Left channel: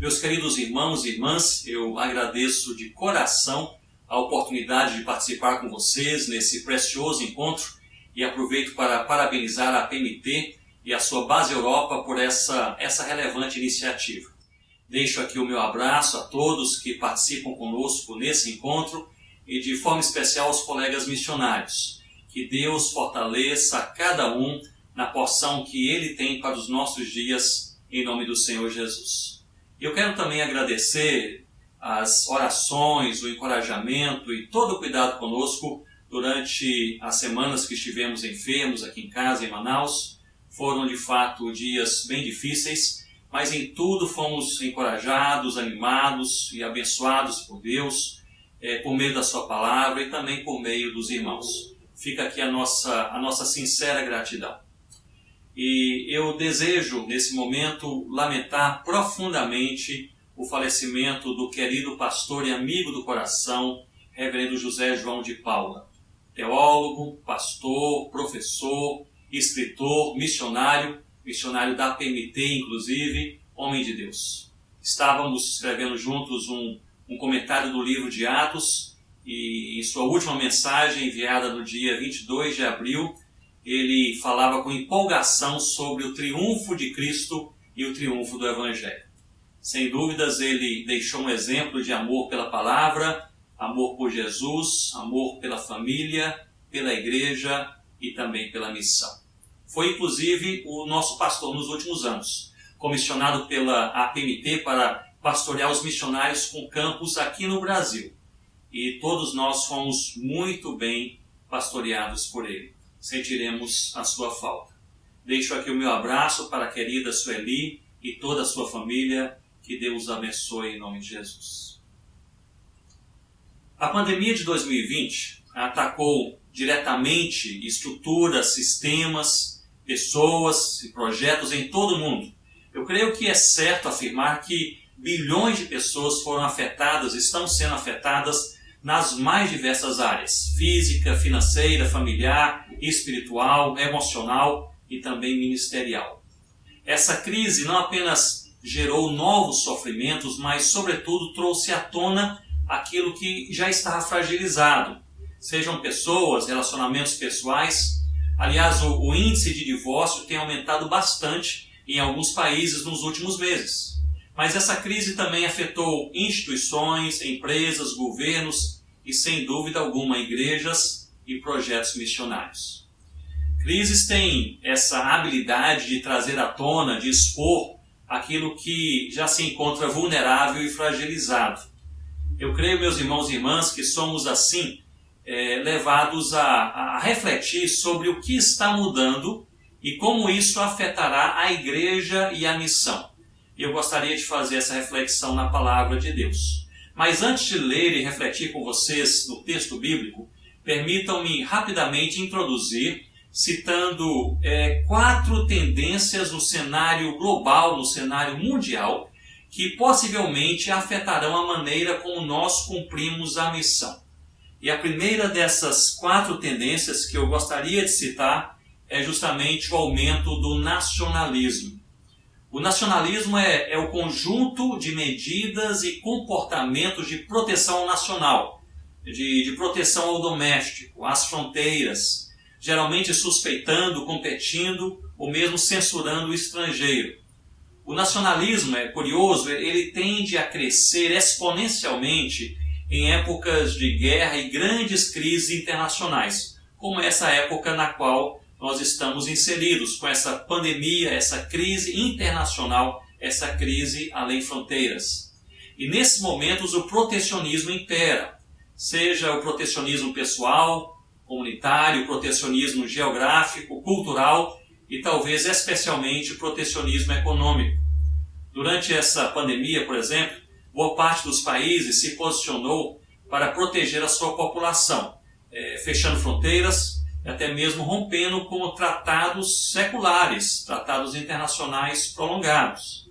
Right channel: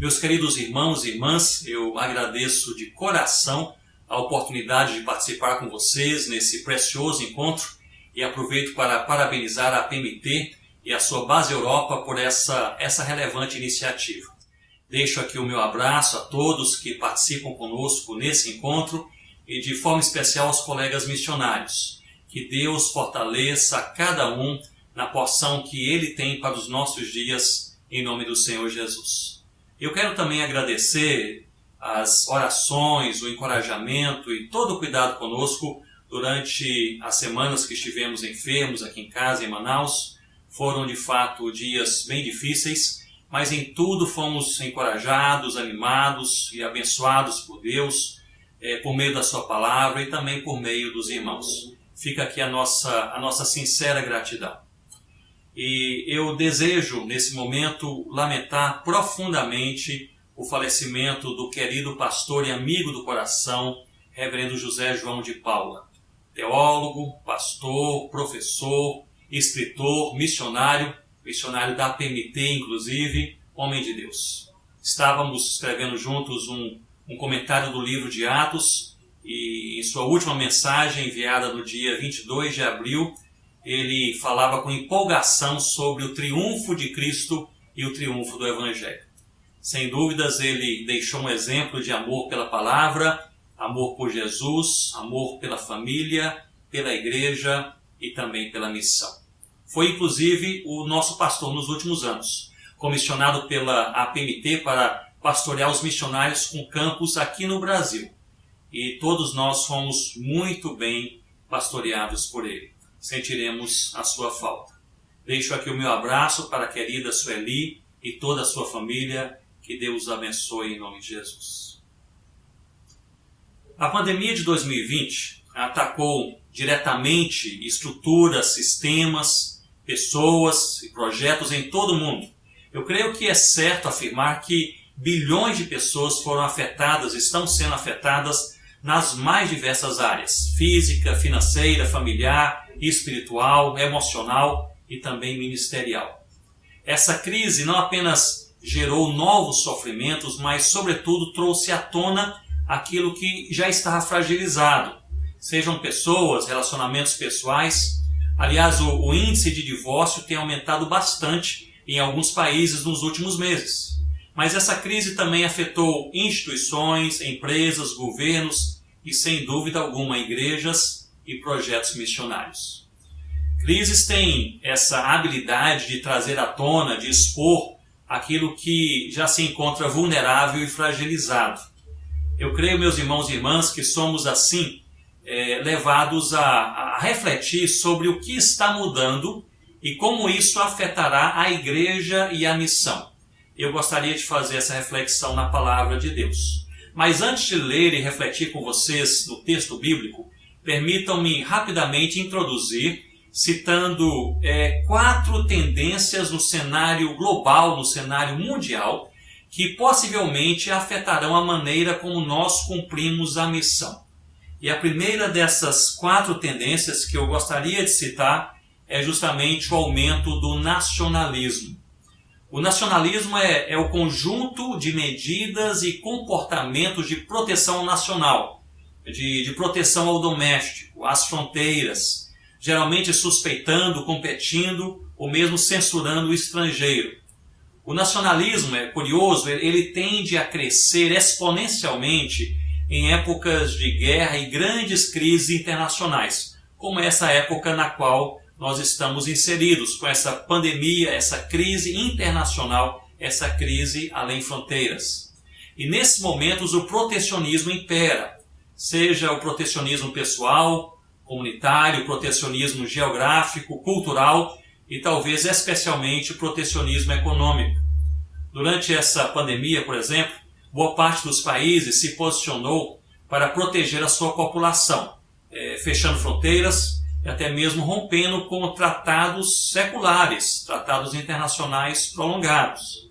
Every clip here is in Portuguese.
Meus queridos irmãos e irmãs, eu agradeço de coração a oportunidade de participar com vocês nesse precioso encontro e aproveito para parabenizar a PMT e a sua base Europa por essa relevante iniciativa. Deixo aqui o meu abraço a todos que participam conosco nesse encontro e de forma especial aos colegas missionários. Que Deus fortaleça cada um na porção que Ele tem para os nossos dias, em nome do Senhor Jesus. Eu quero também agradecer as orações, o encorajamento e todo o cuidado conosco durante as semanas que estivemos enfermos aqui em casa, em Manaus. Foram de fato dias bem difíceis, mas em tudo fomos encorajados, animados e abençoados por Deus, por meio da sua palavra e também por meio dos irmãos. Fica aqui a nossa sincera gratidão. E eu desejo, nesse momento, lamentar profundamente o falecimento do querido pastor e amigo do coração, reverendo José João de Paula. Teólogo, pastor, professor, escritor, missionário da PMT, inclusive, homem de Deus. Estávamos escrevendo juntos um comentário do livro de Atos e em sua última mensagem, enviada no dia 22 de abril, ele falava com empolgação sobre o triunfo de Cristo e o triunfo do Evangelho. Sem dúvidas, ele deixou um exemplo de amor pela palavra, amor por Jesus, amor pela família, pela igreja e também pela missão. Foi, inclusive, o nosso pastor nos últimos anos, comissionado pela APMT para pastorear os missionários com campos aqui no Brasil. E todos nós fomos muito bem pastoreados por ele. Sentiremos a sua falta. Deixo aqui o meu abraço para a querida Sueli e toda a sua família. Que Deus os abençoe em nome de Jesus. A pandemia de 2020 atacou diretamente estruturas, sistemas, pessoas e projetos em todo o mundo. Eu creio que é certo afirmar que bilhões de pessoas foram afetadas, estão sendo afetadas nas mais diversas áreas: física, financeira, familiar, espiritual, emocional e também ministerial. Essa crise não apenas gerou novos sofrimentos, mas sobretudo trouxe à tona aquilo que já estava fragilizado. Sejam pessoas, relacionamentos pessoais. Aliás, o índice de divórcio tem aumentado bastante em alguns países nos últimos meses. Mas essa crise também afetou instituições, empresas, governos e, sem dúvida alguma, igrejas e projetos missionários. Crises têm essa habilidade de trazer à tona, de expor aquilo que já se encontra vulnerável e fragilizado. Eu creio, meus irmãos e irmãs, que somos assim levados a refletir sobre o que está mudando e como isso afetará a igreja e a missão. Eu gostaria de fazer essa reflexão na palavra de Deus. Mas antes de ler e refletir com vocês no texto bíblico, permitam-me rapidamente introduzir, citando 4 tendências no cenário global, no cenário mundial, que possivelmente afetarão a maneira como nós cumprimos a missão. E a primeira dessas 4 tendências que eu gostaria de citar é justamente o aumento do nacionalismo. O nacionalismo é o conjunto de medidas e comportamentos de proteção nacional, de proteção ao doméstico, às fronteiras, geralmente suspeitando, competindo ou mesmo censurando o estrangeiro. O nacionalismo, é curioso, ele tende a crescer exponencialmente em épocas de guerra e grandes crises internacionais, como essa época na qual nós estamos inseridos, com essa pandemia, essa crise internacional, essa crise além fronteiras. E nesses momentos o protecionismo impera, seja o protecionismo pessoal, comunitário, protecionismo geográfico, cultural e talvez especialmente o protecionismo econômico. Durante essa pandemia, por exemplo, boa parte dos países se posicionou para proteger a sua população, fechando fronteiras e até mesmo rompendo com tratados seculares, tratados internacionais prolongados.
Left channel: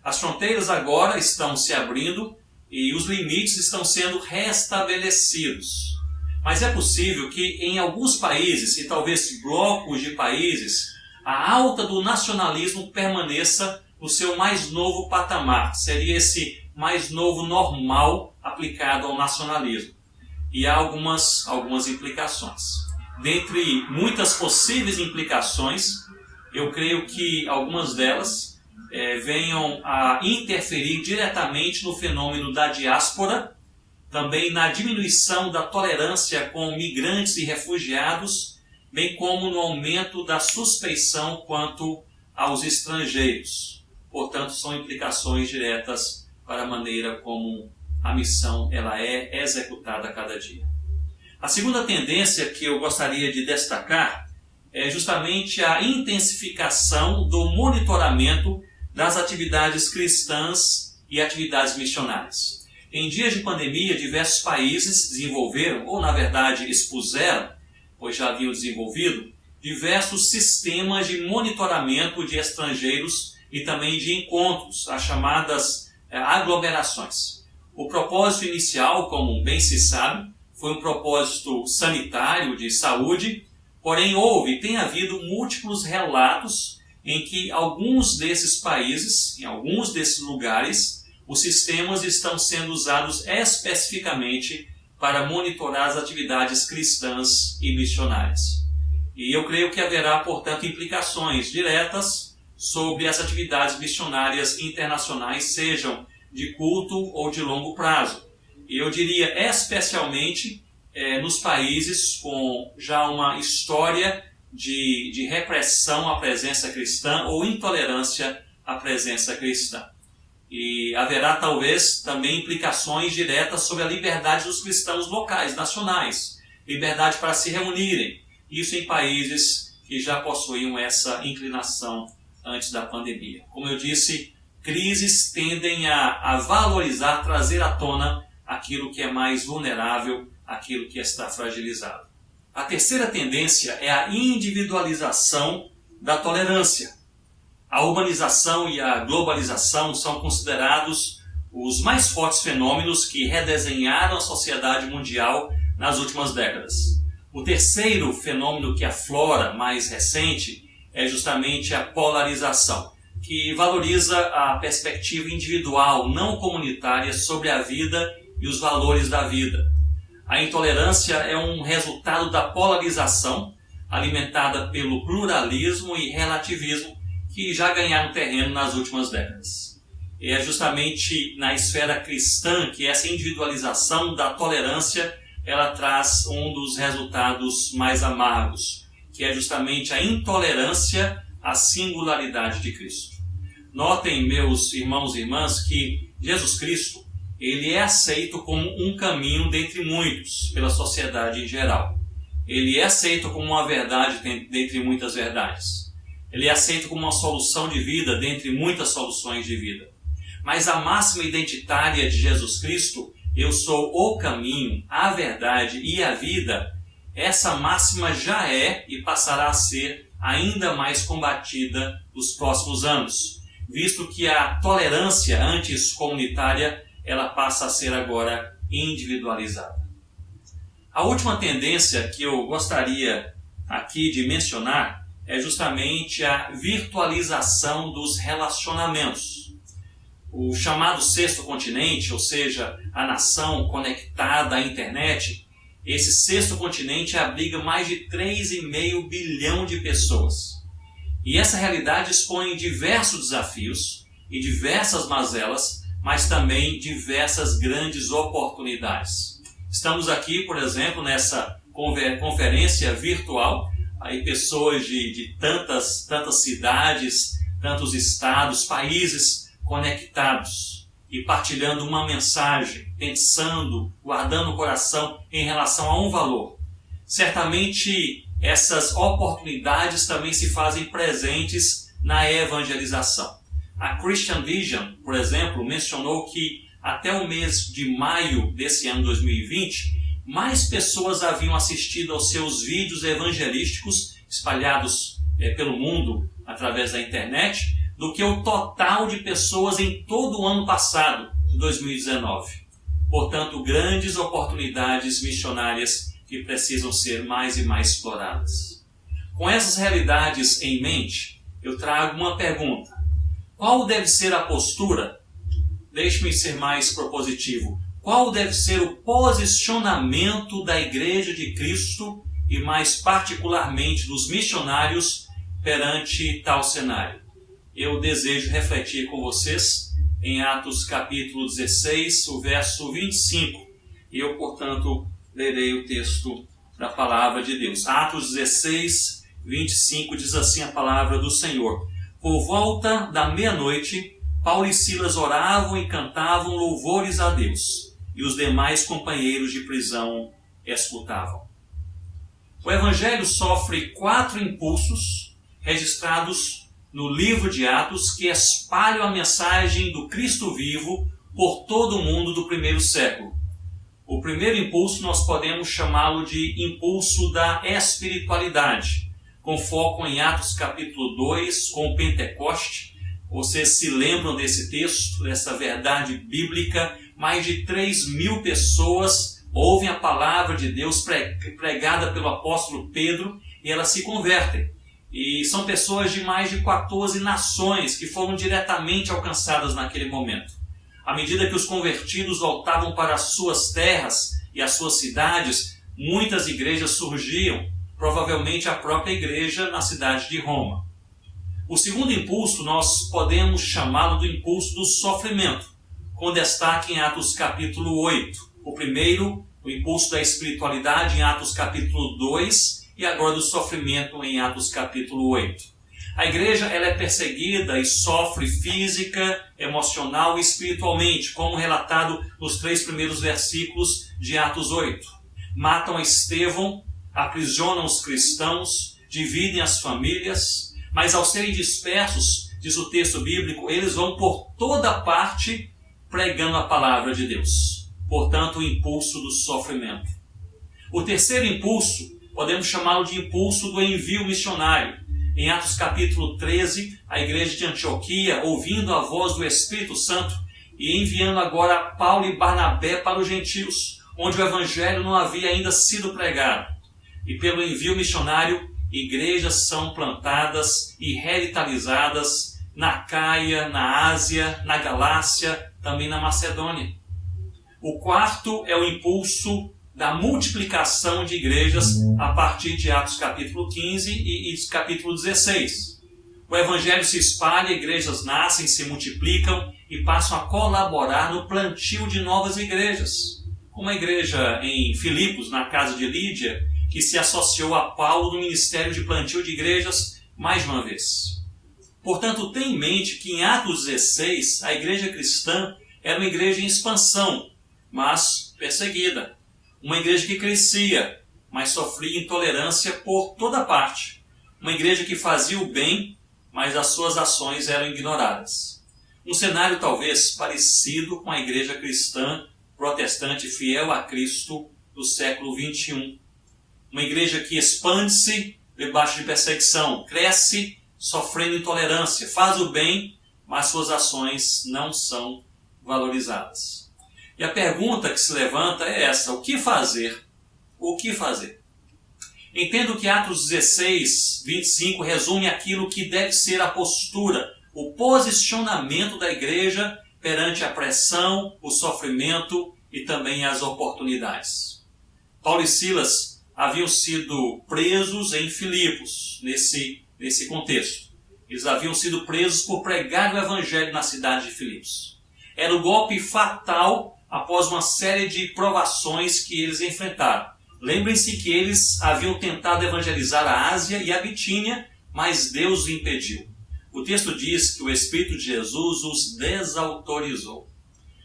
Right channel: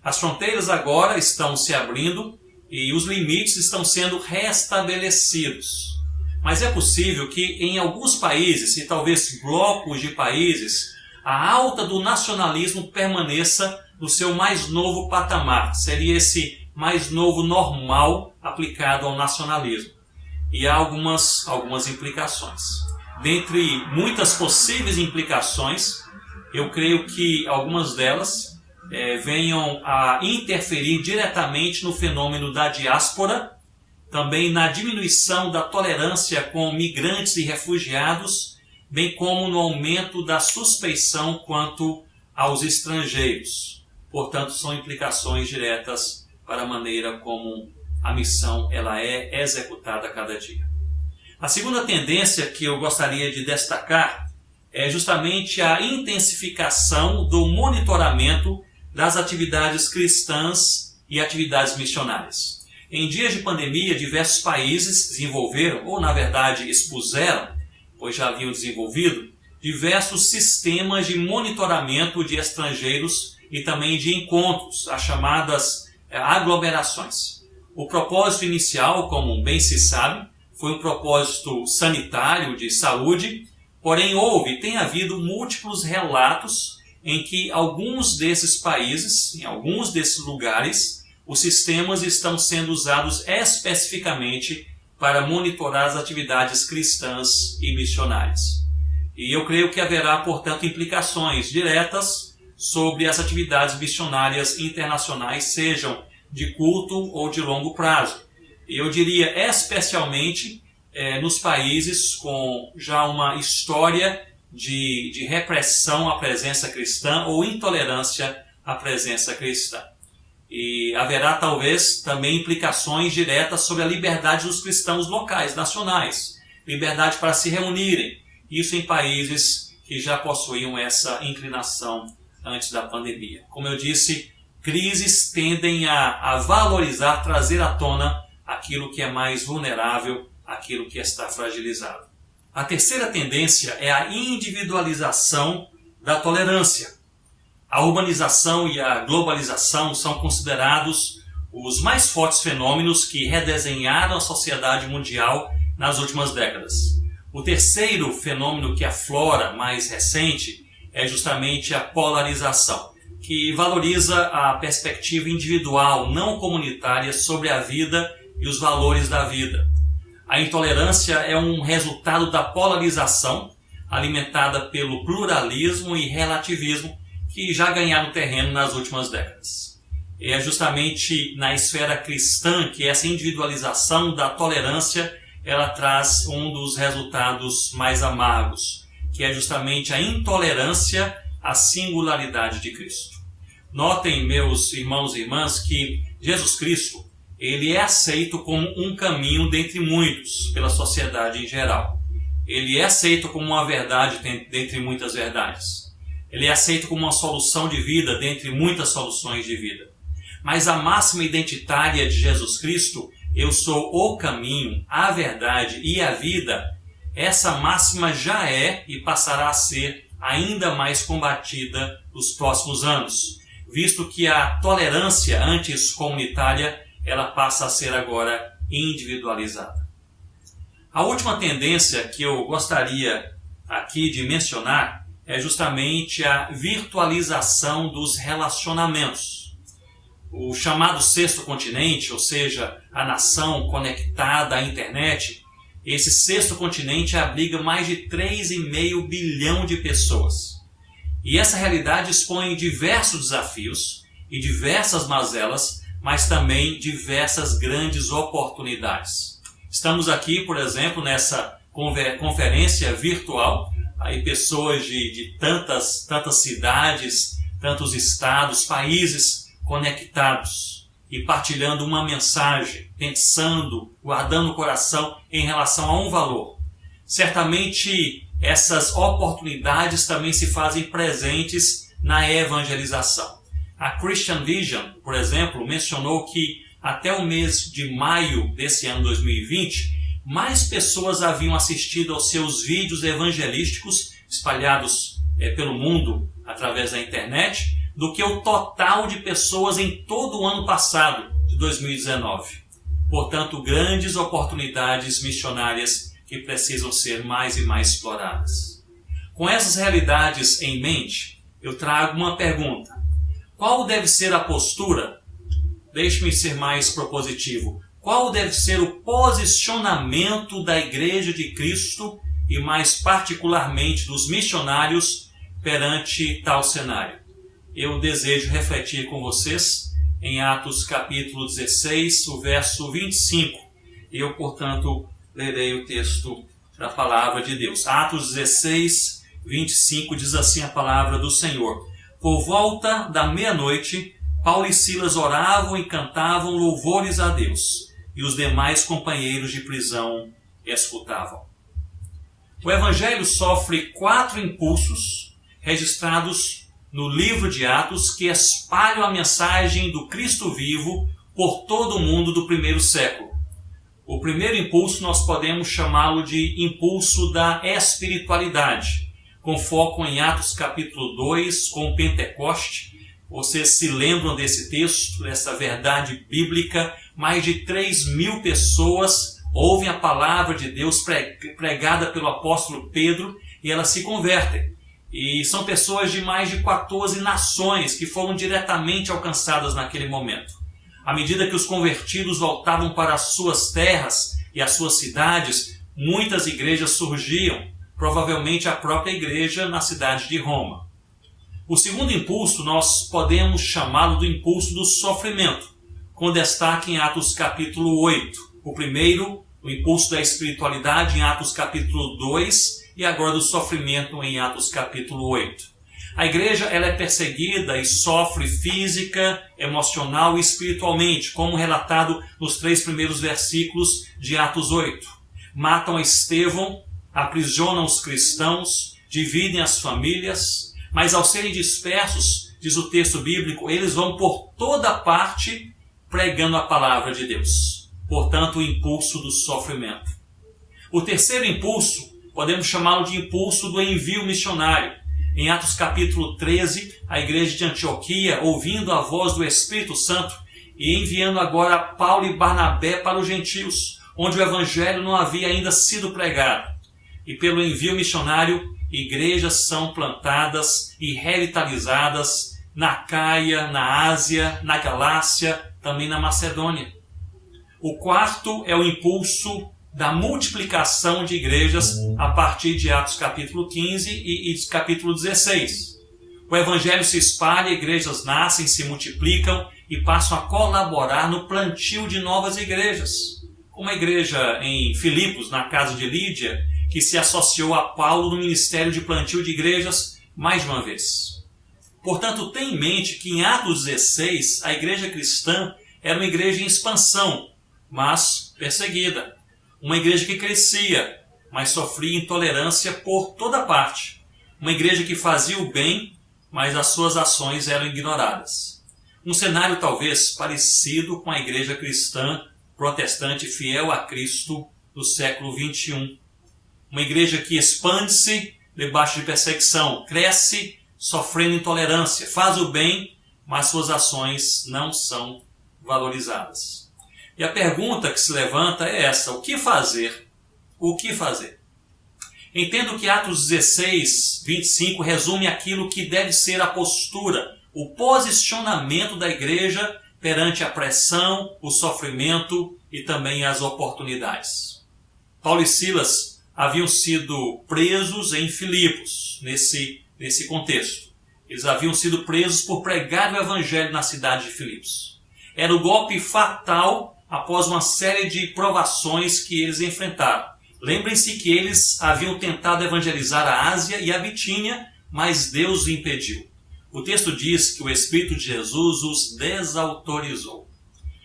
As fronteiras agora estão se abrindo e os limites estão sendo restabelecidos. Mas é possível que em alguns países, e talvez blocos de países, a alta do nacionalismo permaneça no seu mais novo patamar. Seria esse mais novo normal aplicado ao nacionalismo. E há algumas implicações. Dentre muitas possíveis implicações, eu creio que algumas delas venham a interferir diretamente no fenômeno da diáspora, também na diminuição da tolerância com migrantes e refugiados, bem como no aumento da suspeição quanto aos estrangeiros. Portanto, são implicações diretas para a maneira como a missão ela é executada a cada dia. A segunda tendência que eu gostaria de destacar é justamente a intensificação do monitoramento das atividades cristãs e atividades missionárias. Em dias de pandemia, diversos países desenvolveram, ou na verdade expuseram, pois já haviam desenvolvido, diversos sistemas de monitoramento de estrangeiros e também de encontros, as chamadas aglomerações. O propósito inicial, como bem se sabe, foi um propósito sanitário de saúde, porém tem havido múltiplos relatos em que alguns desses países, em alguns desses lugares, os sistemas estão sendo usados especificamente para monitorar as atividades cristãs e missionárias. E eu creio que haverá, portanto, implicações diretas sobre as atividades missionárias internacionais, sejam de curto ou de longo prazo. Eu diria especialmente nos países com já uma história de repressão à presença cristã ou intolerância à presença cristã. E haverá talvez também implicações diretas sobre a liberdade dos cristãos locais, nacionais, liberdade para se reunirem, isso em países que já possuíam essa inclinação antes da pandemia. Como eu disse, crises tendem a valorizar, trazer à tona aquilo que é mais vulnerável, aquilo que está fragilizado. A terceira tendência é a individualização da tolerância. A urbanização e a globalização são considerados os mais fortes fenômenos que redesenharam a sociedade mundial nas últimas décadas. O terceiro fenômeno que aflora, mais recente, é justamente a polarização, que valoriza a perspectiva individual, não comunitária, sobre a vida e os valores da vida. A intolerância é um resultado da polarização, alimentada pelo pluralismo e relativismo, que já ganharam terreno nas últimas décadas. E é justamente na esfera cristã que essa individualização da tolerância ela traz um dos resultados mais amargos, que é justamente a intolerância à singularidade de Cristo. Notem, meus irmãos e irmãs, que Jesus Cristo ele é aceito como um caminho dentre muitos pela sociedade em geral. Ele é aceito como uma verdade dentre muitas verdades. Ele é aceito como uma solução de vida dentre muitas soluções de vida. Mas a máxima identitária de Jesus Cristo, eu sou o caminho, a verdade e a vida, essa máxima já é e passará a ser ainda mais combatida nos próximos anos, visto que a tolerância antes comunitária ela passa a ser agora individualizada. A última tendência que eu gostaria aqui de mencionar é justamente a virtualização dos relacionamentos. O chamado sexto continente, ou seja, a nação conectada à internet, esse sexto continente abriga mais de 3,5 bilhão de pessoas. E essa realidade expõe diversos desafios e diversas mazelas, mas também diversas grandes oportunidades. Estamos aqui, por exemplo, nessa conferência virtual, aí pessoas de tantas cidades, tantos estados, países conectados e partilhando uma mensagem, pensando, guardando o coração em relação a um valor. Certamente essas oportunidades também se fazem presentes na evangelização. A Christian Vision, por exemplo, mencionou que até o mês de maio desse ano 2020, mais pessoas haviam assistido aos seus vídeos evangelísticos espalhados pelo mundo através da internet do que o total de pessoas em todo o ano passado, de 2019. Portanto, grandes oportunidades missionárias que precisam ser mais e mais exploradas. Com essas realidades em mente, eu trago uma pergunta. Qual deve ser a postura? Deixe-me ser mais propositivo. Qual deve ser o posicionamento da Igreja de Cristo e mais particularmente dos missionários perante tal cenário? Eu desejo refletir com vocês em Atos capítulo 16, o verso 25. Eu, portanto, lerei o texto da palavra de Deus. Atos 16, 25 diz assim a palavra do Senhor. Por volta da meia-noite, Paulo e Silas oravam e cantavam louvores a Deus, e os demais companheiros de prisão escutavam. O Evangelho sofre 4 impulsos registrados no livro de Atos que espalham a mensagem do Cristo vivo por todo o mundo do primeiro século. O primeiro impulso nós podemos chamá-lo de impulso da espiritualidade, com foco em Atos capítulo 2, com o Pentecoste. Vocês se lembram desse texto, dessa verdade bíblica? Mais de 3.000 pessoas ouvem a palavra de Deus pregada pelo apóstolo Pedro e elas se convertem. E são pessoas de mais de 14 nações que foram diretamente alcançadas naquele momento. À medida que os convertidos voltavam para as suas terras e as suas cidades, muitas igrejas surgiam, provavelmente a própria igreja na cidade de Roma. O segundo impulso nós podemos chamá-lo do impulso do sofrimento, com destaque em Atos capítulo 8. O primeiro, o impulso da espiritualidade em Atos capítulo 2 e agora do sofrimento em Atos capítulo 8. A igreja ela é perseguida e sofre física, emocional e espiritualmente, como relatado nos 3 primeiros versículos de Atos 8. Matam a Estevão, aprisionam os cristãos, dividem as famílias, mas ao serem dispersos, diz o texto bíblico, eles vão por toda parte pregando a palavra de Deus. Portanto, o impulso do sofrimento. O terceiro impulso, podemos chamá-lo de impulso do envio missionário. Em Atos capítulo 13, a igreja de Antioquia, ouvindo a voz do Espírito Santo e enviando agora Paulo e Barnabé para os gentios, onde o evangelho não havia ainda sido pregado. E pelo envio missionário, igrejas são plantadas e revitalizadas na Caia, na Ásia, na Galácia, também na Macedônia. O quarto é o impulso da multiplicação de igrejas a partir de Atos capítulo 15 e capítulo 16. O evangelho se espalha, igrejas nascem, se multiplicam e passam a colaborar no plantio de novas igrejas. Como a igreja em Filipos, na casa de Lídia, que se associou a Paulo no ministério de plantio de igrejas mais de uma vez. Portanto, tenha em mente que em Atos 16, a igreja cristã era uma igreja em expansão, mas perseguida. Uma igreja que crescia, mas sofria intolerância por toda parte. Uma igreja que fazia o bem, mas as suas ações eram ignoradas. Um cenário talvez parecido com a igreja cristã protestante fiel a Cristo do século 21. Uma igreja que expande-se debaixo de perseguição, cresce sofrendo intolerância, faz o bem, mas suas ações não são valorizadas. E a pergunta que se levanta é essa: o que fazer? O que fazer? Entendo que Atos 16, 25 resume aquilo que deve ser a postura, o posicionamento da igreja perante a pressão, o sofrimento e também as oportunidades. Paulo e Silas haviam sido presos em Filipos, nesse contexto. Eles haviam sido presos por pregar o evangelho na cidade de Filipos. Era o golpe fatal após uma série de provações que eles enfrentaram. Lembrem-se que eles haviam tentado evangelizar a Ásia e a Bitínia, mas Deus o impediu. O texto diz que o Espírito de Jesus os desautorizou.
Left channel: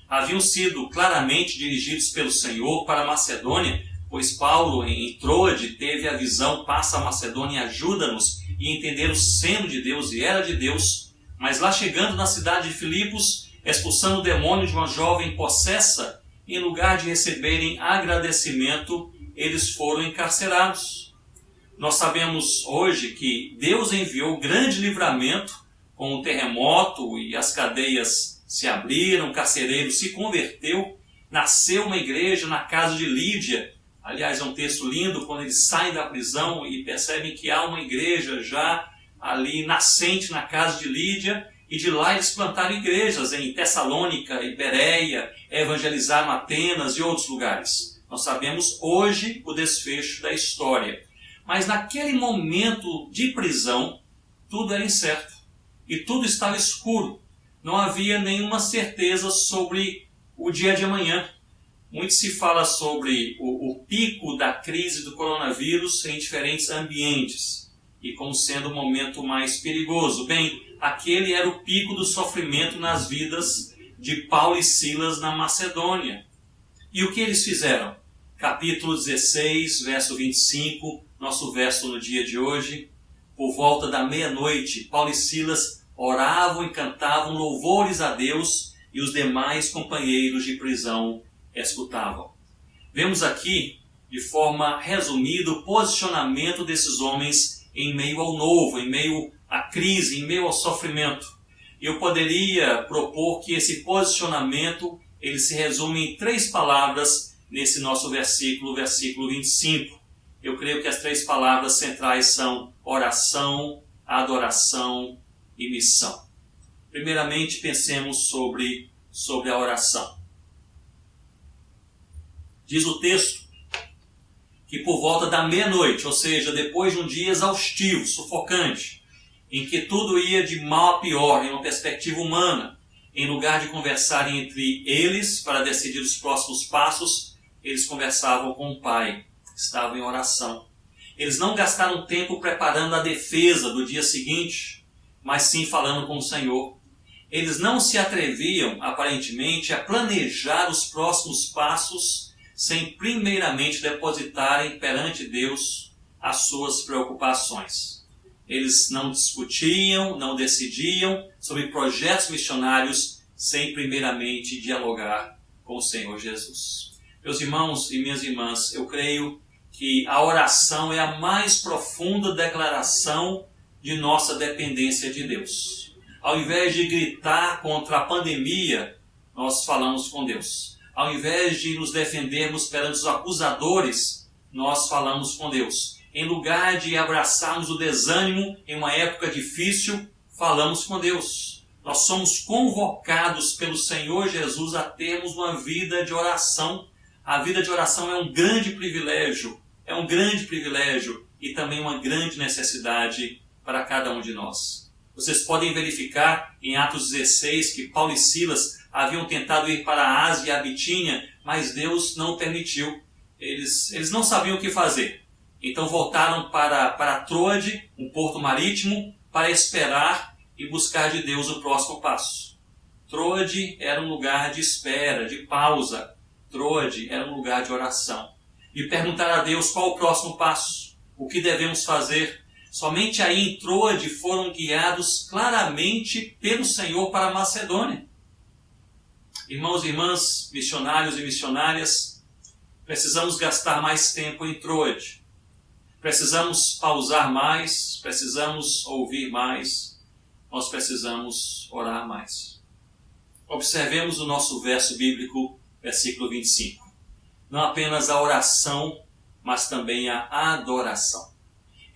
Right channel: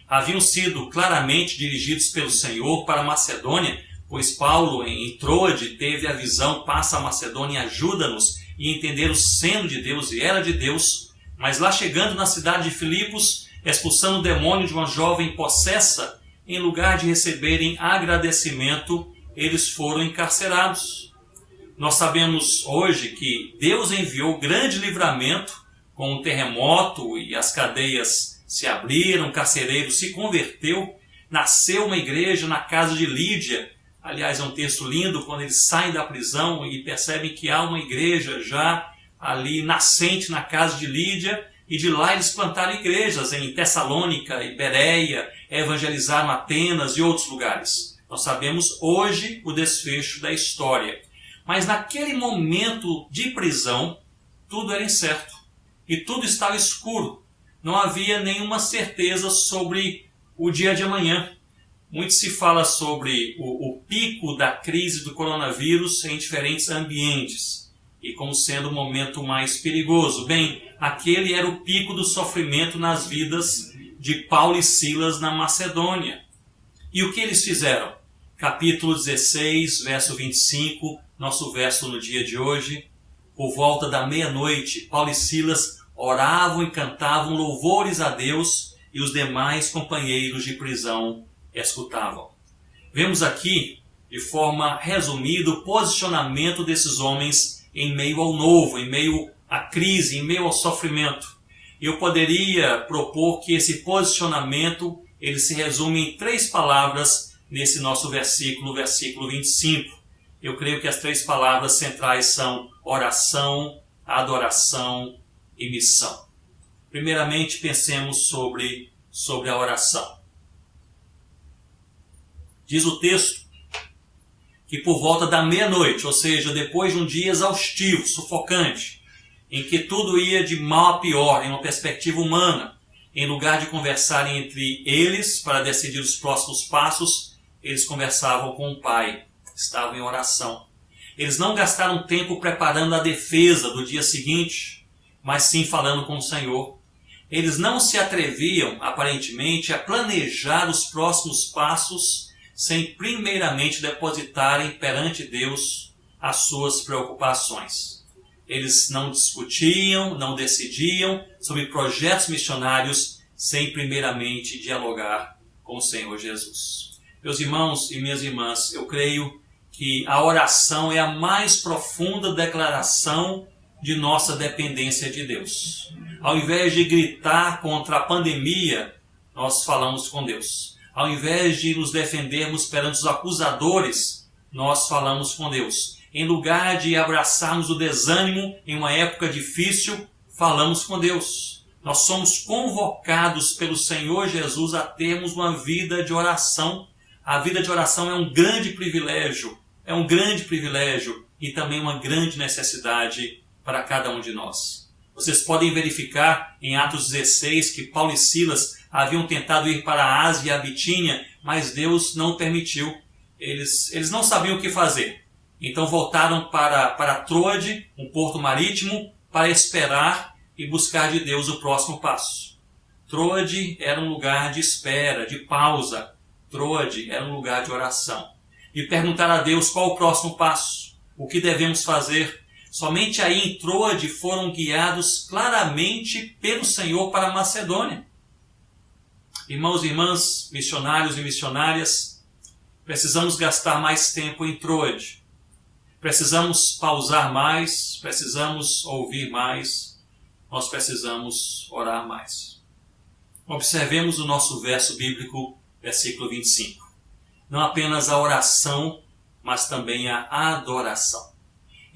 Haviam sido claramente dirigidos pelo Senhor para a Macedônia, pois Paulo, em Troade, teve a visão: passa a Macedônia e ajuda-nos, e entender o seno de Deus e era de Deus. Mas lá chegando na cidade de Filipos, expulsando o demônio de uma jovem possessa, em lugar de receberem agradecimento, eles foram encarcerados. Nós sabemos hoje que Deus enviou grande livramento com o terremoto e as cadeias se abriram, o carcereiro se converteu, nasceu uma igreja na casa de Lídia. Aliás, é um texto lindo quando eles saem da prisão e percebem que há uma igreja já ali nascente na casa de Lídia, E de lá eles plantaram igrejas em Tessalônica e Bereia, evangelizaram Atenas e outros lugares. Nós sabemos hoje o desfecho da história. Mas naquele momento de prisão, tudo era incerto e tudo estava escuro. Não havia nenhuma certeza sobre o dia de amanhã. Muito se fala sobre o pico da crise do coronavírus em diferentes ambientes e como sendo o momento mais perigoso. Bem, aquele era o pico do sofrimento nas vidas de Paulo e Silas na Macedônia. E o que eles fizeram? Capítulo 16, verso 25, nosso verso no dia de hoje. Por volta da meia-noite, Paulo e Silas oravam e cantavam louvores a Deus e os demais companheiros de prisão escutavam. Vemos aqui, de forma resumida, o posicionamento desses homens em meio ao novo, em meio à crise, em meio ao sofrimento. E eu poderia propor que esse posicionamento ele se resume em 3 palavras nesse nosso versículo 25. Eu creio que as 3 palavras centrais são oração, adoração e missão. Primeiramente, pensemos sobre a oração. Diz o texto que por volta da meia-noite, ou seja, depois de um dia exaustivo, sufocante, em que tudo ia de mal a pior, em uma perspectiva humana, em lugar de conversarem entre eles para decidir os próximos passos, eles conversavam com o Pai, estavam em oração. Eles não gastaram tempo preparando a defesa do dia seguinte, mas sim falando com o Senhor. Eles não se atreviam, aparentemente, a planejar os próximos passos sem primeiramente depositarem perante Deus as suas preocupações. Eles não discutiam, não decidiam sobre projetos missionários sem primeiramente dialogar com o Senhor Jesus. Meus irmãos e minhas irmãs, eu creio que a oração é a mais profunda declaração de nossa dependência de Deus. Ao invés de gritar contra a pandemia, nós falamos com Deus. Ao invés de nos defendermos perante os acusadores, nós falamos com Deus. Em lugar de abraçarmos o desânimo em uma época difícil, falamos com Deus. Nós somos convocados pelo Senhor Jesus a termos uma vida de oração. A vida de oração é um grande privilégio e também uma grande necessidade para cada um de nós. Vocês podem verificar em Atos 16 que Paulo e Silas haviam tentado ir para a Ásia e a Bitínia, mas Deus não permitiu. Eles não sabiam o que fazer. Então voltaram para Troade, um porto marítimo, para esperar e buscar de Deus o próximo passo. Troade era um lugar de espera, de pausa. Troade era um lugar de oração. E perguntar a Deus qual o próximo passo, o que devemos fazer. Somente aí em Troade foram guiados claramente pelo Senhor para a Macedônia. Irmãos e irmãs, missionários e missionárias, precisamos gastar mais tempo em Troade. Precisamos pausar mais, precisamos ouvir mais, nós precisamos orar mais. Observemos o nosso verso bíblico, versículo 25. Não apenas a oração, mas também a adoração.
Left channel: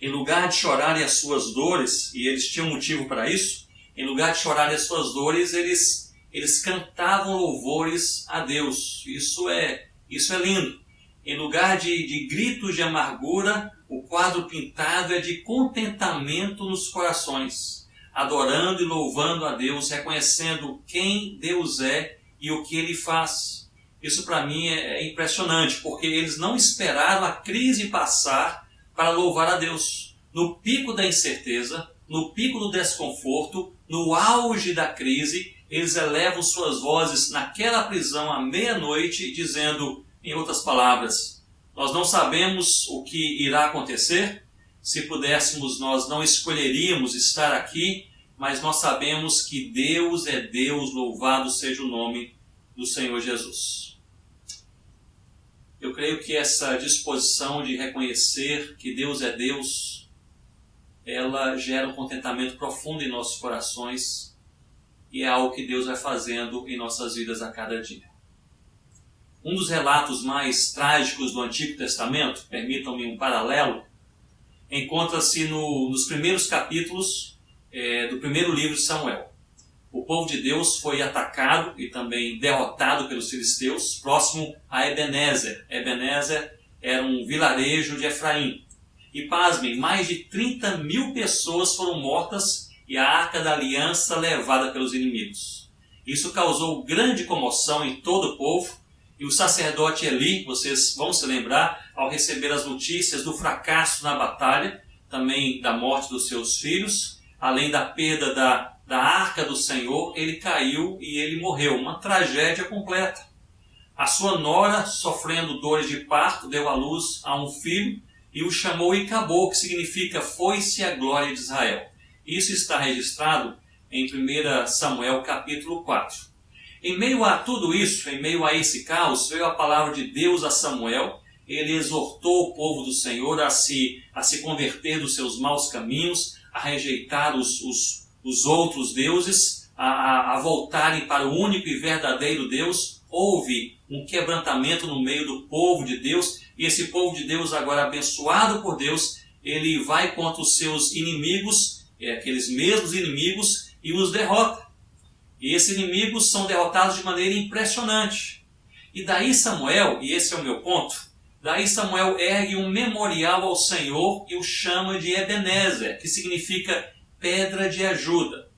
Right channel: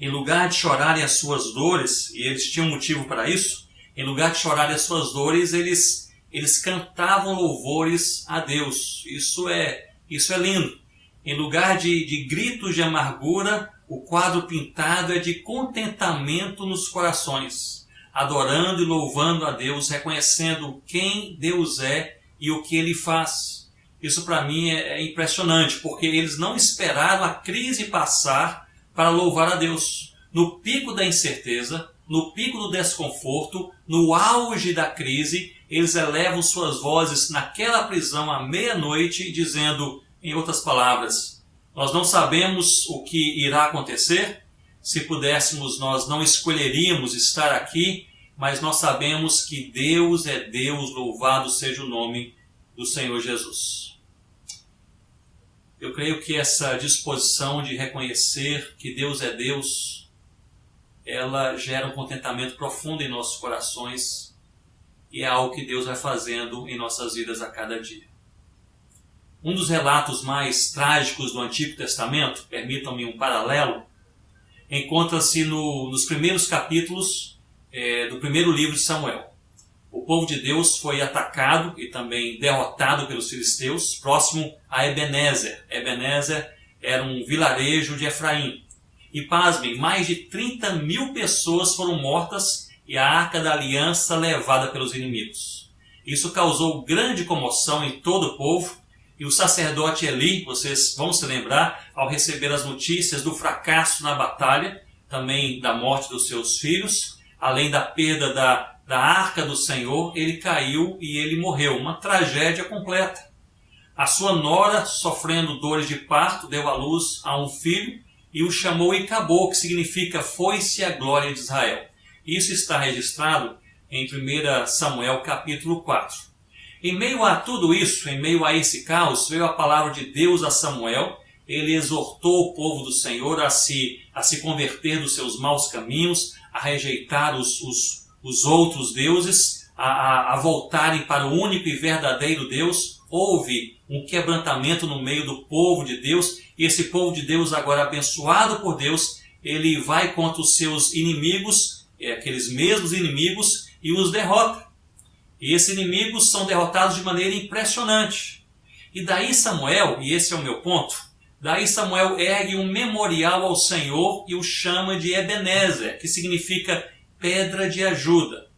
Em lugar de chorarem as suas dores, e eles tinham motivo para isso, em lugar de chorarem as suas dores, eles cantavam louvores a Deus. Isso é lindo. Em lugar de gritos de amargura, o quadro pintado é de contentamento nos corações, adorando e louvando a Deus, reconhecendo quem Deus é e o que Ele faz. Isso para mim é impressionante, porque eles não esperaram a crise passar para louvar a Deus. No pico da incerteza, no pico do desconforto, no auge da crise, eles elevam suas vozes naquela prisão à meia-noite, dizendo, em outras palavras, nós não sabemos o que irá acontecer. Se pudéssemos, nós não escolheríamos estar aqui, mas nós sabemos que Deus é Deus, louvado seja o nome do Senhor Jesus. Eu creio que essa disposição de reconhecer que Deus é Deus, ela gera um contentamento profundo em nossos corações e é algo que Deus vai fazendo em nossas vidas a cada dia. Um dos relatos mais trágicos do Antigo Testamento, permitam-me um paralelo, encontra-se nos primeiros capítulos do primeiro livro de Samuel. o povo de Deus foi atacado e também derrotado pelos filisteus, próximo a Ebenezer. Ebenezer era um vilarejo de Efraim. E pasmem, mais de 30.000 pessoas foram mortas e a Arca da Aliança levada pelos inimigos. Isso causou grande comoção em todo o povo, e o sacerdote Eli, vocês vão se lembrar, ao receber as notícias do fracasso na batalha, também da morte dos seus filhos, além da perda da Arca do Senhor, ele caiu e ele morreu. Uma tragédia completa. A sua nora, sofrendo dores de parto, deu à luz a um filho e o chamou Icabô, que significa foi-se a glória de Israel. Isso está registrado em 1 Samuel capítulo 4. Em meio a tudo isso, em meio a esse caos, veio a palavra de Deus a Samuel. Ele exortou o povo do Senhor a se converter dos seus maus caminhos, a rejeitar os outros deuses, a voltarem para o único e verdadeiro Deus. Houve um quebrantamento no meio do povo de Deus, e esse povo de Deus, agora abençoado por Deus, ele vai contra os seus inimigos, aqueles mesmos inimigos, e os derrota. E esses inimigos são derrotados de maneira impressionante. E daí Samuel, e esse é o meu ponto, daí Samuel ergue um memorial ao Senhor e o chama de Ebenezer, que significa pedra de ajuda.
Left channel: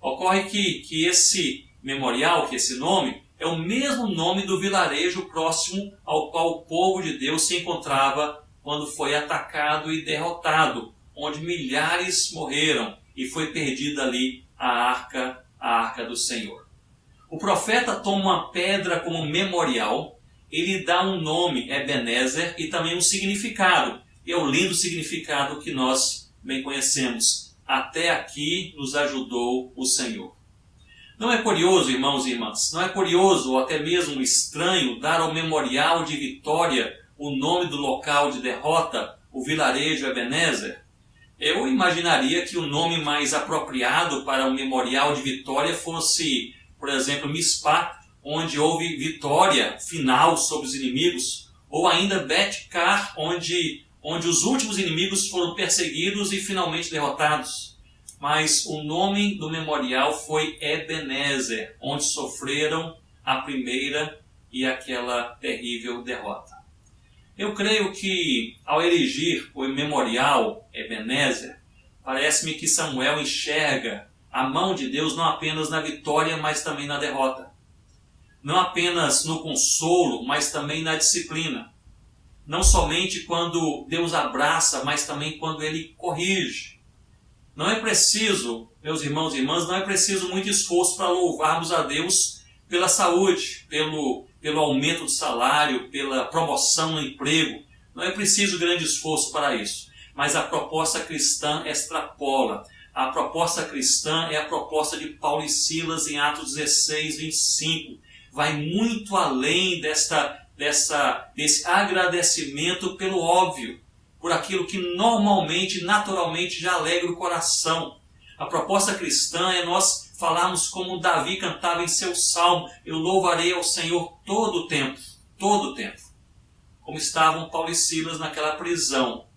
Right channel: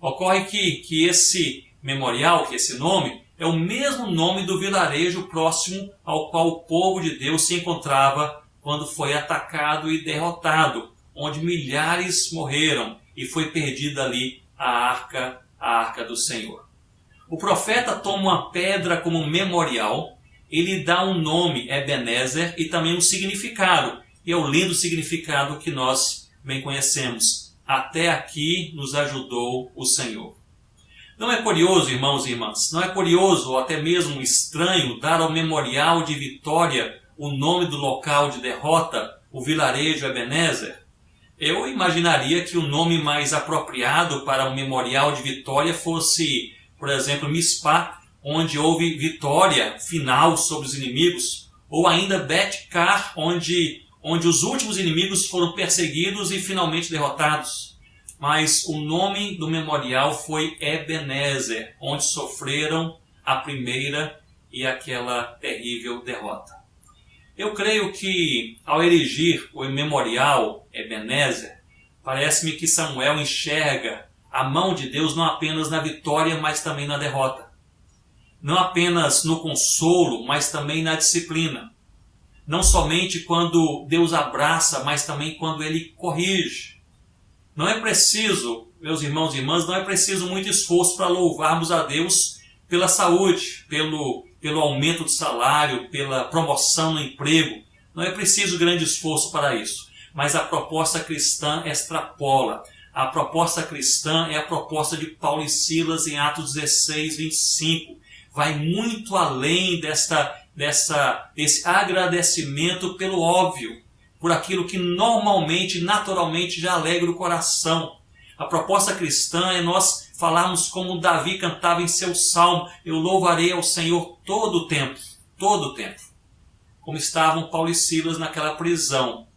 Ocorre que esse memorial, que esse nome, é o mesmo nome do vilarejo próximo ao qual o povo de Deus se encontrava quando foi atacado e derrotado, onde milhares morreram e foi perdida ali a arca do Senhor. O profeta toma uma pedra como memorial, ele dá um nome, Ebenezer, e também um significado, e é o lindo significado que nós bem conhecemos. Até aqui nos ajudou o Senhor. Não é curioso, irmãos e irmãs, não é curioso ou até mesmo estranho dar ao memorial de vitória o nome do local de derrota, o vilarejo Ebenezer? Eu imaginaria que o nome mais apropriado para um memorial de vitória fosse, por exemplo, Mispá, onde houve vitória final sobre os inimigos, ou ainda Bet-Car, onde os últimos inimigos foram perseguidos e finalmente derrotados. Mas o nome do memorial foi Ebenezer, onde sofreram a primeira e aquela terrível derrota. Eu creio que, ao erigir o memorial Ebenezer, parece-me que Samuel enxerga a mão de Deus não apenas na vitória, mas também na derrota. Não apenas no consolo, mas também na disciplina. Não somente quando Deus abraça, mas também quando Ele corrige. Não é preciso, meus irmãos e irmãs, não é preciso muito esforço para louvarmos a Deus pela saúde, pelo aumento do salário, pela promoção no emprego. Não é preciso grande esforço para isso. Mas a proposta cristã extrapola. A proposta cristã é a proposta de Paulo e Silas em Atos 16, 25. Vai muito além desse agradecimento pelo óbvio, por aquilo que normalmente, naturalmente já alegra o coração. A proposta cristã é nós falarmos como Davi cantava em seu salmo: eu louvarei ao Senhor todo o tempo, como estavam Paulo e Silas naquela prisão.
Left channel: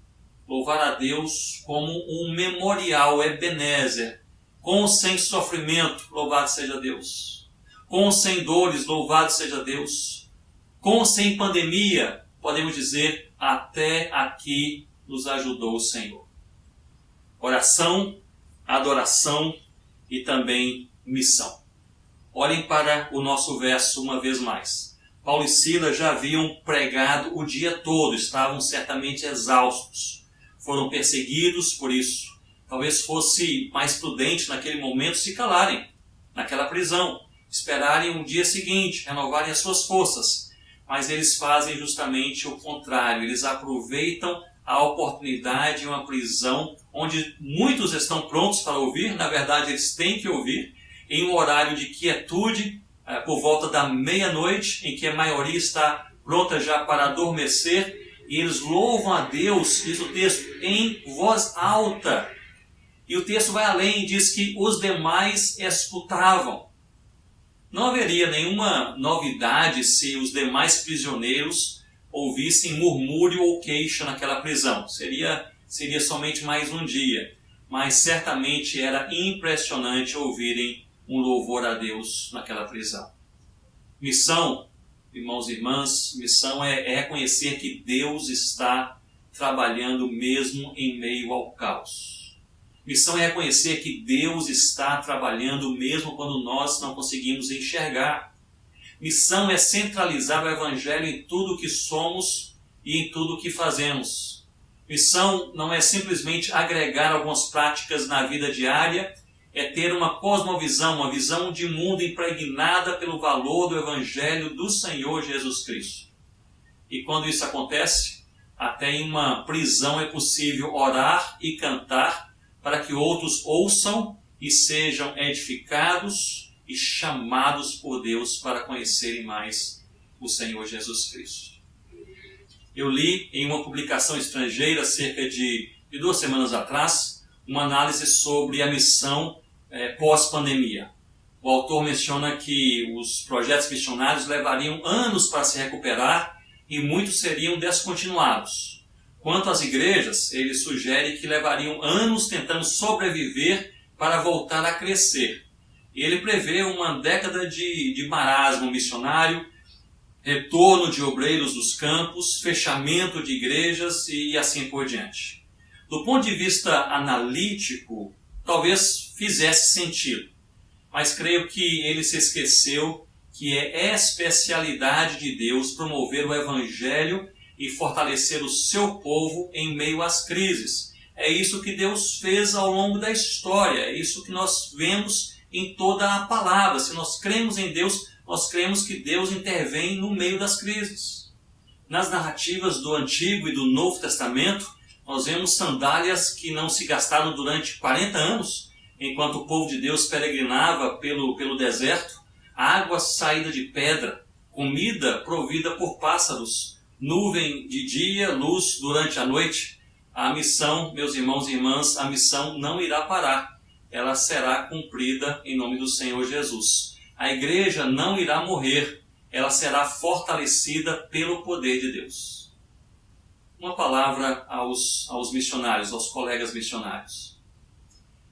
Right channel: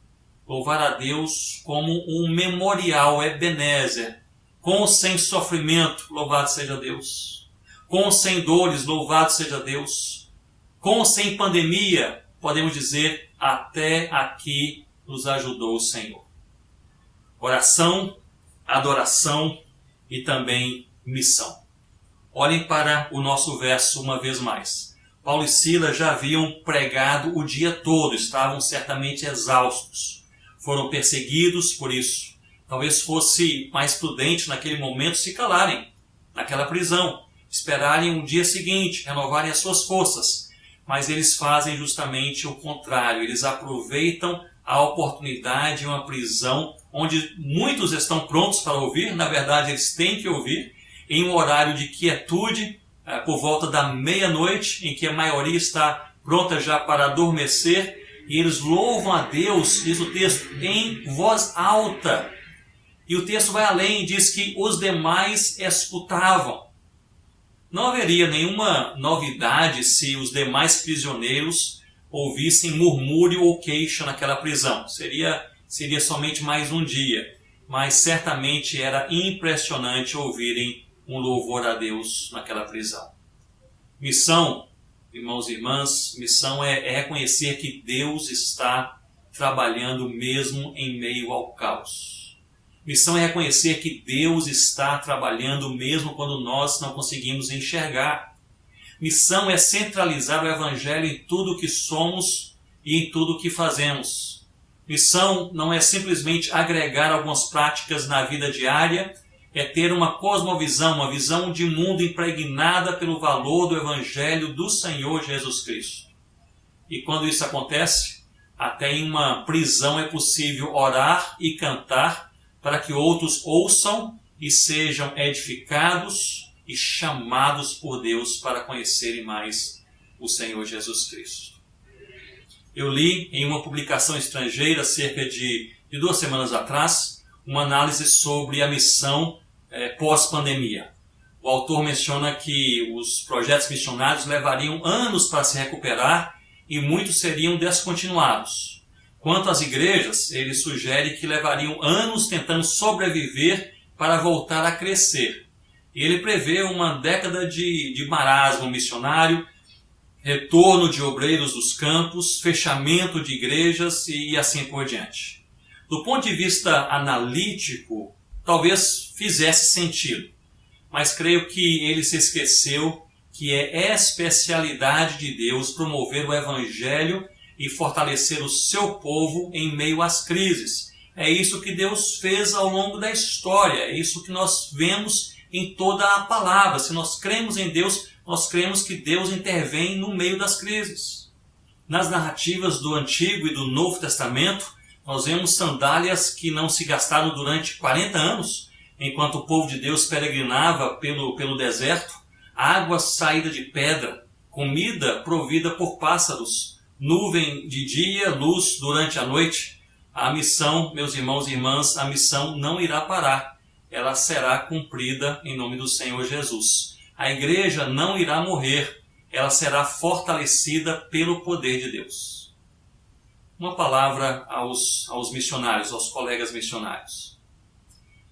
Louvar a Deus como um memorial, Ebenezer, com ou sem sofrimento, louvado seja Deus. Com ou sem dores, louvado seja Deus. Com ou sem pandemia, podemos dizer, até aqui nos ajudou o Senhor. Oração, adoração e também missão. Olhem para o nosso verso uma vez mais. Paulo e Silas já haviam pregado o dia todo, estavam certamente exaustos. Foram perseguidos por isso. Talvez fosse mais prudente naquele momento se calarem naquela prisão, esperarem o dia seguinte, renovarem as suas forças. Mas eles fazem justamente o contrário. Eles aproveitam a oportunidade em uma prisão onde muitos estão prontos para ouvir. Na verdade, eles têm que ouvir em um horário de quietude, por volta da meia-noite, em que a maioria está pronta já para adormecer. E eles louvam a Deus, diz o texto, em voz alta. E o texto vai além, diz que os demais escutavam. Não haveria nenhuma novidade se os demais prisioneiros ouvissem murmúrio ou queixa naquela prisão. Seria somente mais um dia. Mas certamente era impressionante ouvirem um louvor a Deus naquela prisão. Missão, irmãos e irmãs, missão é reconhecer que Deus está trabalhando mesmo em meio ao caos. Missão é reconhecer que Deus está trabalhando mesmo quando nós não conseguimos enxergar. Missão é centralizar o Evangelho em tudo o que somos e em tudo o que fazemos. Missão não é simplesmente agregar algumas práticas na vida diária, é ter uma cosmovisão, uma visão de mundo impregnada pelo valor do Evangelho do Senhor Jesus Cristo. E quando isso acontece, até em uma prisão é possível orar e cantar para que outros ouçam e sejam edificados e chamados por Deus para conhecerem mais o Senhor Jesus Cristo. Eu li em uma publicação estrangeira, cerca de 2 semanas atrás, uma análise sobre a missão pós-pandemia. O autor menciona que os projetos missionários levariam anos para se recuperar e muitos seriam descontinuados. Quanto às igrejas, ele sugere que levariam anos tentando sobreviver para voltar a crescer. Ele prevê uma década de marasmo missionário, retorno de obreiros dos campos, fechamento de igrejas e assim por diante. Do ponto de vista analítico, talvez fizesse sentido, mas creio que ele se esqueceu que é especialidade de Deus promover o Evangelho e fortalecer o seu povo em meio às crises. É isso que Deus fez ao longo da história, é isso que nós vemos em toda a palavra. Se nós cremos em Deus, nós cremos que Deus intervém no meio das crises. Nas narrativas do Antigo e do Novo Testamento, nós vemos sandálias que não se gastaram durante 40 anos, enquanto o povo de Deus peregrinava pelo deserto, água saída de pedra, comida provida por pássaros, nuvem de dia, luz durante a noite. A missão, meus irmãos e irmãs, a missão não irá parar. Ela será cumprida em nome do Senhor Jesus. A igreja não irá morrer, ela será fortalecida pelo poder de Deus. Uma palavra aos missionários, aos colegas missionários.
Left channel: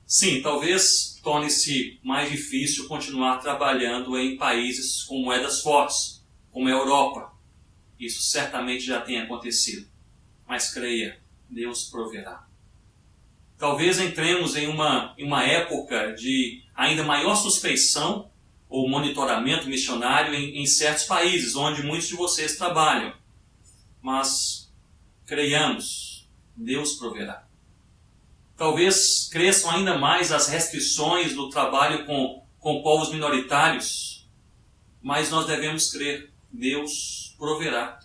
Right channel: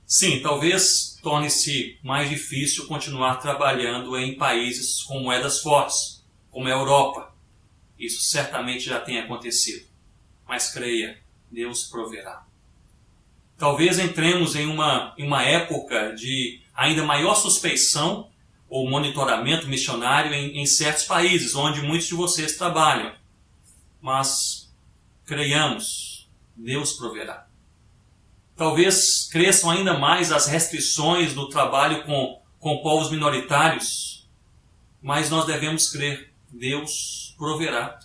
Sim, talvez torne-se mais difícil continuar trabalhando em países com moedas fortes, como a Europa. Isso certamente já tem acontecido. Mas creia, Deus proverá. Talvez entremos em uma época de ainda maior suspeição ou monitoramento missionário em certos países onde muitos de vocês trabalham. Mas creiamos, Deus proverá. Talvez cresçam ainda mais as restrições do trabalho com povos minoritários, mas nós devemos crer, Deus proverá.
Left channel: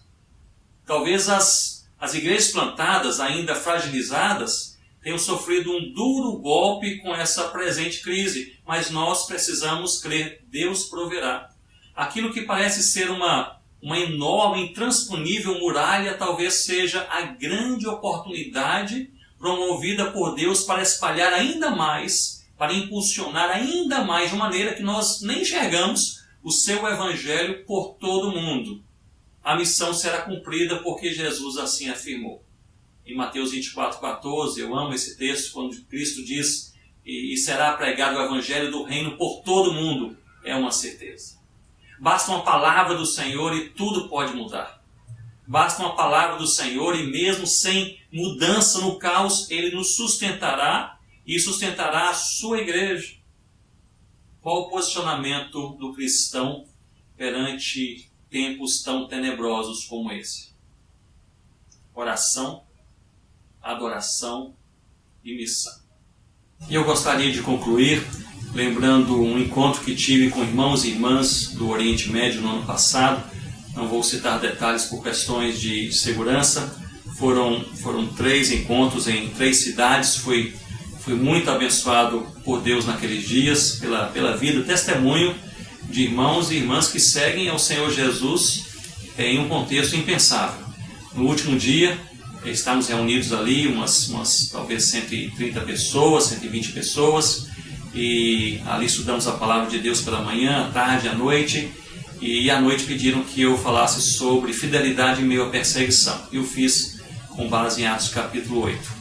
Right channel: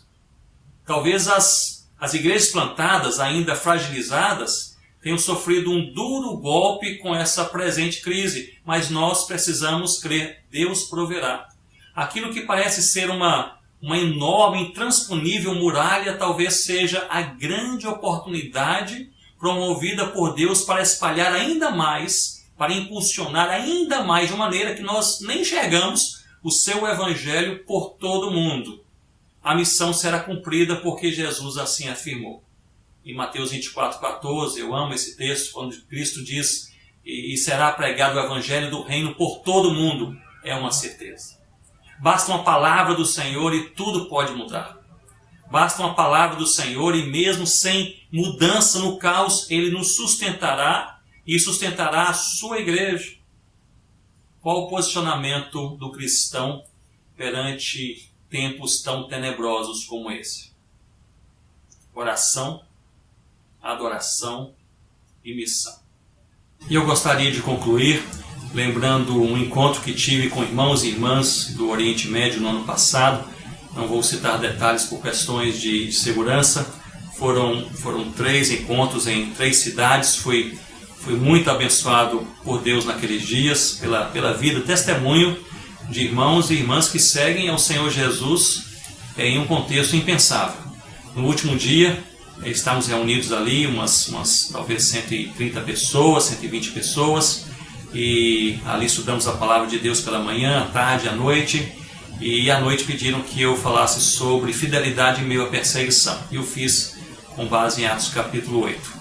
Talvez as igrejas plantadas, ainda fragilizadas, tenham sofrido um duro golpe com essa presente crise, mas nós precisamos crer, Deus proverá. Aquilo que parece ser uma enorme, intransponível muralha, talvez seja a grande oportunidade promovida por Deus para espalhar ainda mais, para impulsionar ainda mais, de maneira que nós nem enxergamos o seu evangelho por todo o mundo. A missão será cumprida porque Jesus assim afirmou. Em Mateus 24:14, eu amo esse texto, quando Cristo diz, e será pregado o evangelho do reino por todo o mundo, é uma certeza. Basta uma palavra do Senhor e tudo pode mudar. Basta uma palavra do Senhor e mesmo sem mudança no caos, Ele nos sustentará e sustentará a sua igreja. Qual o posicionamento do cristão perante tempos tão tenebrosos como esse? Oração, adoração e missão. E eu gostaria de concluir lembrando um encontro que tive com irmãos e irmãs do Oriente Médio no ano passado. Não vou citar detalhes por questões de segurança. Foram 3 encontros em 3 cidades. Fui muito abençoado por Deus naqueles dias, pela vida, testemunho de irmãos e irmãs que seguem ao Senhor Jesus em um contexto impensável. No último dia, estávamos reunidos ali, umas talvez 130 pessoas, 120 pessoas, e ali estudamos a palavra de Deus pela manhã, à tarde, à noite, e à noite pediram que eu falasse sobre fidelidade em meio à perseguição. E eu fiz com base em Atos capítulo 8.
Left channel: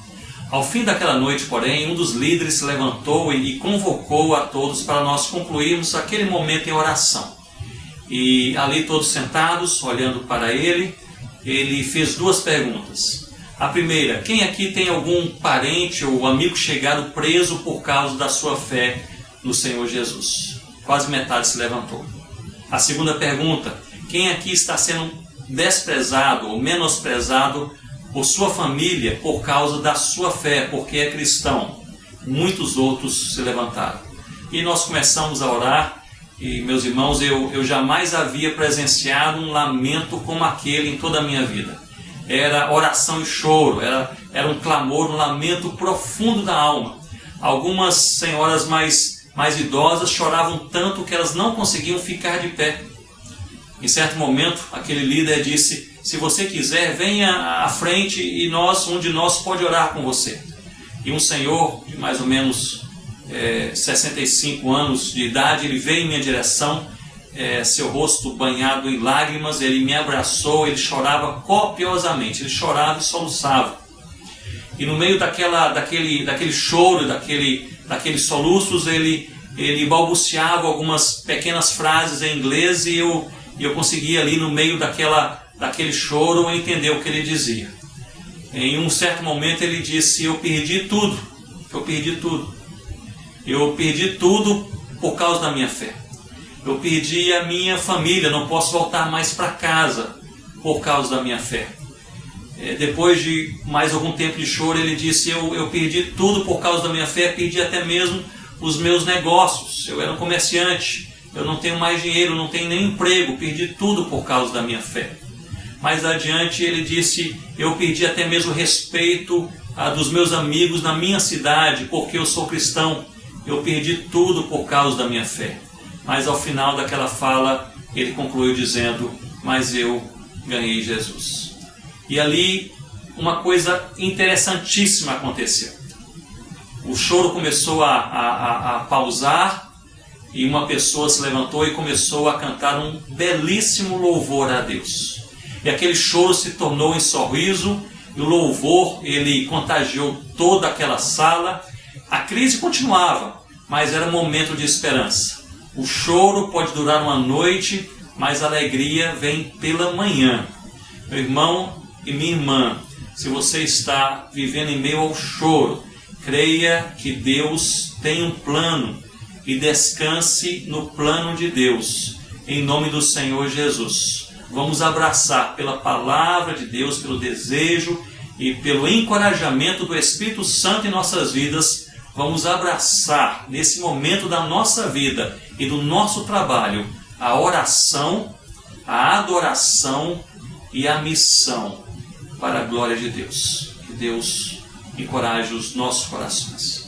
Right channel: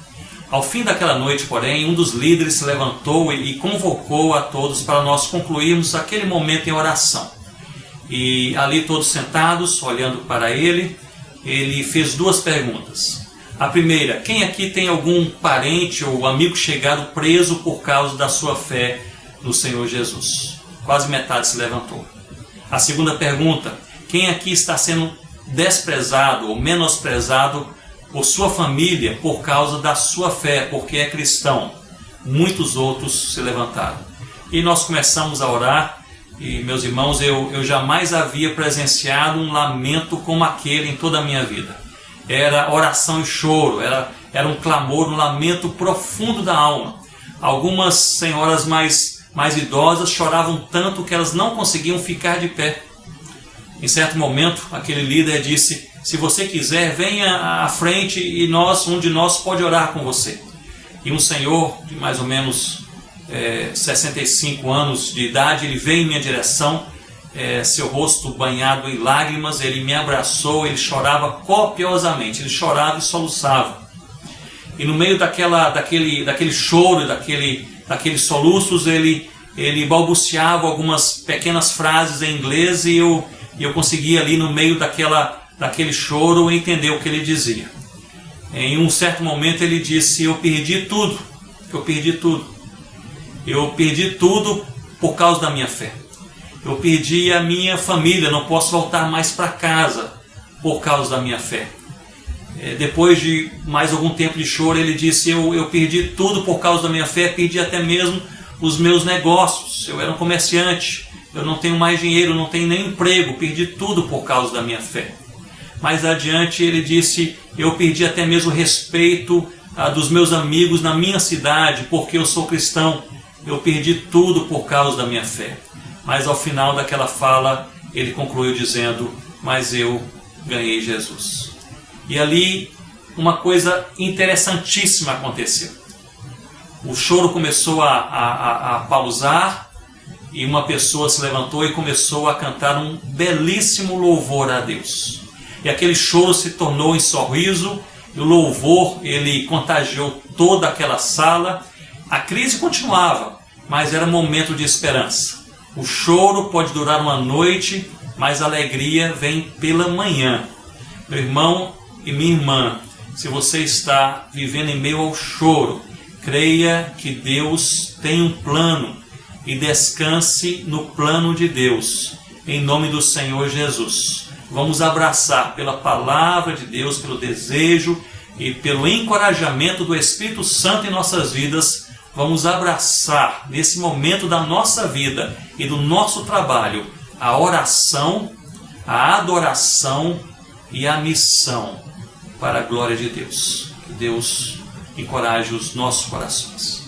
Ao fim daquela noite, porém, um dos líderes se levantou e convocou a todos para nós concluirmos aquele momento em oração. E ali todos sentados, olhando para ele fez duas perguntas. A primeira: quem aqui tem algum parente ou amigo chegado preso por causa da sua fé no Senhor Jesus? Quase metade se levantou. A segunda pergunta: quem aqui está sendo desprezado ou menosprezado por sua família por causa da sua fé, porque é cristão? Muitos outros se levantaram. E nós começamos a orar. E, meus irmãos, eu jamais havia presenciado um lamento como aquele em toda a minha vida. Era oração e choro, era um clamor, um lamento profundo da alma. Algumas senhoras mais idosas choravam tanto que elas não conseguiam ficar de pé. Em certo momento, aquele líder disse: se você quiser, venha à frente e um de nós pode orar com você. E um senhor de mais ou menos 65 anos de idade, ele veio em minha direção, seu rosto banhado em lágrimas, ele me abraçou, ele chorava copiosamente, ele chorava e soluçava. E no meio daquele choro, daqueles soluços, ele balbuciava algumas pequenas frases em inglês e eu conseguia ali no meio daquele choro entender o que ele dizia. Em um certo momento ele disse: eu perdi tudo por causa da minha fé. Eu perdi a minha família, não posso voltar mais para casa por causa da minha fé. Depois de mais algum tempo de choro, ele disse: eu perdi tudo por causa da minha fé, perdi até mesmo os meus negócios. Eu era um comerciante, eu não tenho mais dinheiro, não tenho nem emprego, perdi tudo por causa da minha fé. Mais adiante ele disse: eu perdi até mesmo o respeito dos meus amigos na minha cidade, porque eu sou cristão. Eu perdi tudo por causa da minha fé. Mas ao final daquela fala, ele concluiu dizendo: mas eu ganhei Jesus. E ali uma coisa interessantíssima aconteceu. O choro começou a pausar e uma pessoa se levantou e começou a cantar um belíssimo louvor a Deus. E aquele choro se tornou em sorriso, e o louvor ele contagiou toda aquela sala. A crise continuava, mas era um momento de esperança. O choro pode durar uma noite, mas a alegria vem pela manhã. Meu irmão e minha irmã, se você está vivendo em meio ao choro, creia que Deus tem um plano e descanse no plano de Deus, em nome do Senhor Jesus. Vamos abraçar pela palavra de Deus, pelo desejo e pelo encorajamento do Espírito Santo em nossas vidas. Vamos abraçar nesse momento da nossa vida e do nosso trabalho a oração, a adoração e a missão para a glória de Deus. Que Deus encoraje os nossos corações.